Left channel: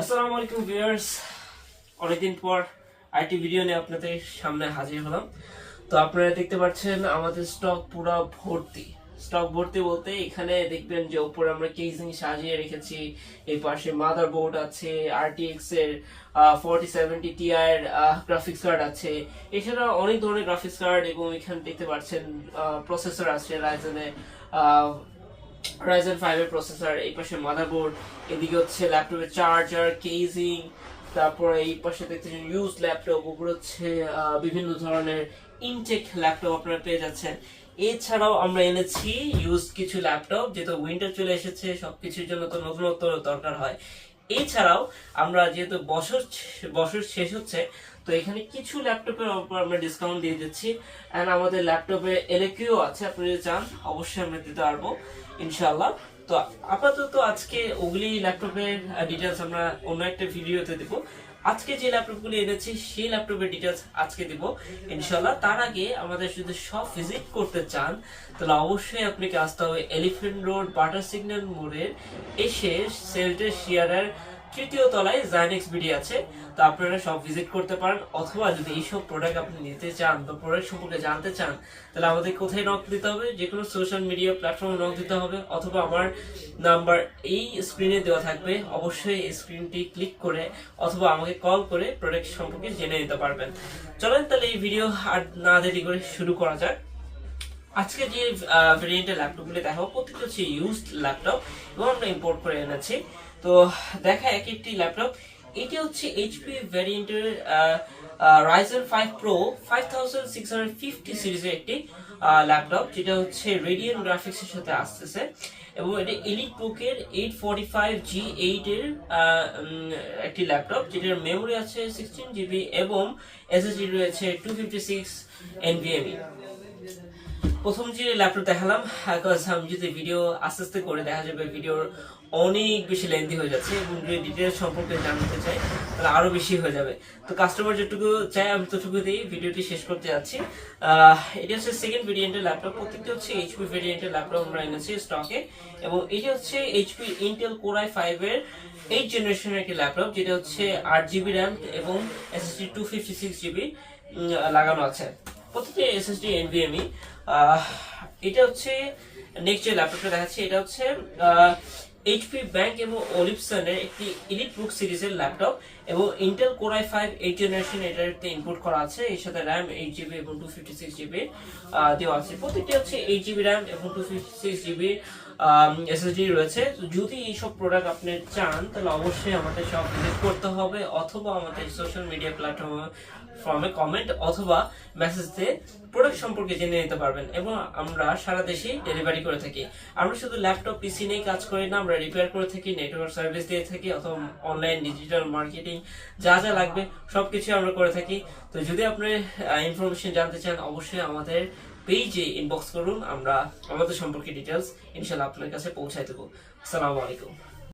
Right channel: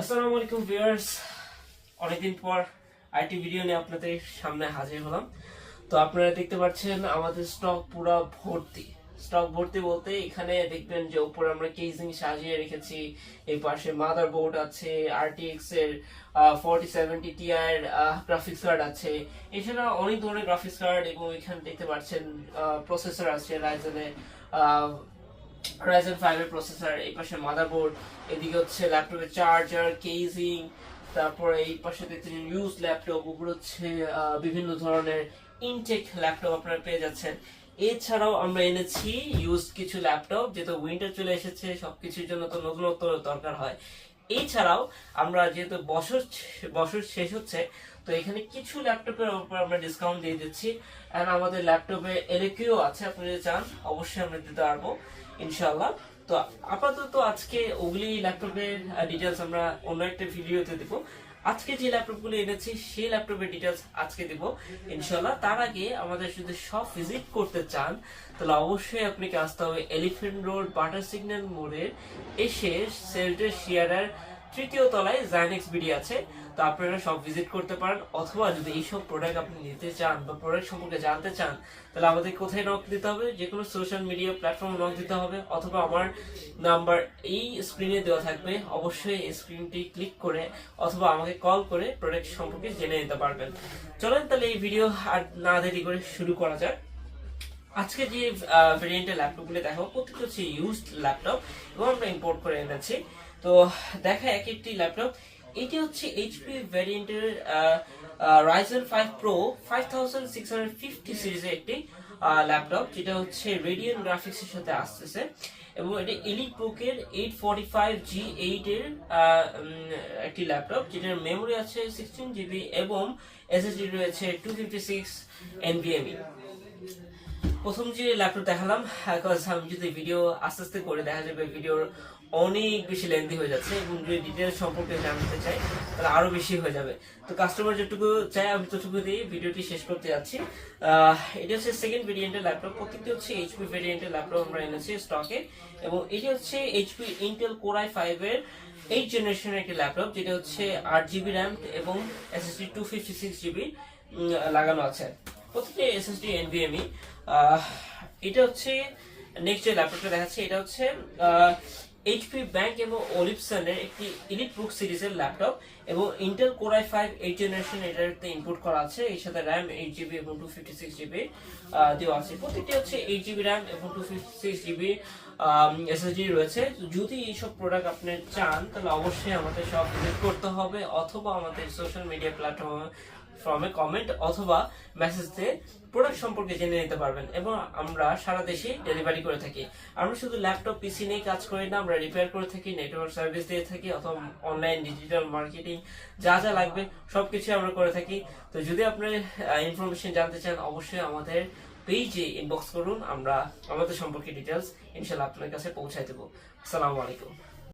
আসসালামু আলাইকুম ভিউয়ার্স। অনেকদিন পর আইটি ভিডিও নিয়ে আপনাদের সামনে হাজির হলাম। তো আপনারা দেখতে পাচ্ছেন আমাদের স্টক পুরো ভর্তি। স্টক ভর্তি বলতে এখানে দেখবেন যে উপরে আমরা কেসিং সাজিয়ে রেখেছি। এই পাশে মাদার বোর্ড আছে আরটিএক্স এর forty seventy Ti graphics card আছে। এছাড়া অনেক ধরনের গ্রাফিক্স কার্ড এবং এখানে দেখতে পাচ্ছেন প্রসেসর আছে রাইজেনের Ryzen 5 এর প্রসেসর এই পাশে মাদারবোর্ড এদিকে হচ্ছে ল্যাপটপের চার্জার কেজিং তারপর এই পাশে দেখতেছেন ইউজ ল্যাপটপ উপরে হচ্ছে বিভিন্ন ধরনের ইনটেক ল্যাপটপ আপনারা পেয়ে যাচ্ছেন। এছাড়াও আমরা এনেছি ইউজ কিছু ল্যাপটপ যেহেতু উইন্টার চলে এসেছে, সবকিছুর জন্য তো নতুনত্ব দরকার হয়। এছাড়াও আমরা যেহেতু বছর বছর শেষ হচ্ছে, তো এখানে কিছু ল্যাপটপের উপর আমরা ডিসকাউন্ট দিয়ে দিচ্ছি। এন্ড আমাদের ল্যাপটপে এলএকিউ আছে, আপনি যদি চান, অবশ্যই আমরা দিতে পারব ইনশাল্লাহ তো আপাতত আজকে ওগুলি ল্যাপটপের ডিটেলস আমরা অন্য একটা ভিডিওতে দেবো। আজকে যে ল্যাপটপগুলো এনেছি, সেই ল্যাপটপের ডিটেলস আজকে দেবো। ইনশাল্লাহ তার আগে আমাদের যদি সব ভিজিট করতে চান, তাহলে অবশ্যই আপনাকে আসতে হবে এলিফেন্ট রোড বাটার সিগন্যাল মোড়ে। এসে সেলটের শেয়ারের তৃতীয় তলায় জাইনেক্স বিডি আছে, তো আপনারা সব ভিজিট করতে পারেন, অথবা যদি এইসব প্রোডাক্ট আপনি নিতে চান বা প্রোডাক্ট সম্পর্কে জানতে চান, তাহলে আমাদের কোথায় নক দিতে হবে? যে কোনো সোশ্যাল মিডিয়া প্ল্যাটফর্মে নক দিতে হবে, অথবা আমার নাম্বার এই স্ক্রিনে দেওয়া থাকবে। অবশ্যই এই স্ক্রিনটি ক্লিক করে অথবা আমাকে কল করে প্রোডাক্ট সম্পর্কে জেনে নিতে পারবেন। চলেন তাহলে এই ভিডিও আর না দেরি করে শুরু করা যাক। আজকে যে ভেরিয়েন্টের ল্যাপটপগুলো দেখাবো প্রত্যেকটা হচ্ছে ইউজড ল্যাপটপ এবং আমরা ইম্পোর্ট করে এনেছি। তো, দেখা এক একটি ল্যাপটপ এটি হচ্ছে HP ভ্যারিয়েন্টের Ryzen five pro five thousand six hundred fifty সিরিজের একটি ল্যাপটপ যেটা হচ্ছে রেডিয়ান গ্রাফিক্সের সাথে আসতেছে। এবং এটা এলিট বুকের eight forty five G eight এর একটি ল্যাপটপ যেটার মেমোরি আছে সিক্সটিন জিবি এবং এসএসডি রয়েছে টু ফিফটি সিক্স এনভিএমই প্রথম যে ল্যাপটপ দেখালাম because আমি যদি ভিডিও আস্তে আস্তে করে দেখা যাবে ভিডিওর অনেক বেশি লেন্দি হয়ে যাচ্ছে এবং ডিটেলস সম্পর্কে জানতে চাই। তাহলে আরও বেশি হয়ে যাবে। তো কাস্টমার যেটুকু চাই আমি ততটুকু দিয়ে ভিডিওটি শেষ করতে যাচ্ছি। এটি হচ্ছে সেকেন্ড ভেরিয়েন্টের ল্যাপটপ প্রত্যেকটি হচ্ছে এইচপি ভেরিয়েন্টের ল্যাপটপ আমরা এনেছি স্টকে এবং এটি হচ্ছে HP Intel core i five এর এইট জেনারেশনের একটি ল্যাপটপ যেটা হচ্ছে আট জিবি র্যাম এবং SSD two fifty six GB লাগানো আছে। প্রত্যেকটি এসএসডি এনভিএমই এটা হচ্ছে নেক্সট যে ল্যাপটপটা দেখাচ্ছি, এটা হচ্ছে এইচপি ব্যাংক এবং অলিপসনের একটি ইলিট বুক সিরিজের ল্যাপটপ এবং Intel core i five eight generation এটাতে ইনপুট করা আছে। এর সাথে র্যাম এইট জিবি এবং টু ফিফটি সিক্স জিবি দেওয়া আছে। প্রত্যেকটি হচ্ছে এইট জিবি র্যাম এবং two fifty six GB SSD রয়েছে। যদি এইসব প্রোডাক্ট আপনি চান, তাহলে অবশ্যই আমাদের সব ভিজিট করতে হবে, অথবা আমাদের সোশ্যাল মিডিয়া প্ল্যাটফর্মে ফর্মে কমেন্ট অথবা মেসেজ দিয়ে প্রোডাক্ট সম্পর্কে জেনে নিতে পারবেন এবং আমরা সারা দেশে ডেলিভারি করে থাকি। আমরা শুধু ল্যাপটপ পিসি নিয়ে কাজ করি না, আমরা রিপেয়ার করে থাকি নেটওয়ার্ক সার্ভিস দিয়ে থাকি, অথবা অনলাইন ডিজিটাল মার্কেটিং যা যা লাগবে সবকিছু আমরা করে থাকি। তো যদি আপনি ইনফরমেশন জানতে চান, অবশ্যই আমাদের পেজে ইনবক্স করুন আমরা আমাদের সম্পর্কে ডিটেলস ইনশাল্লাহ আপনার কাছে পৌঁছায় দেবো। আসসালামু আলাইকুম।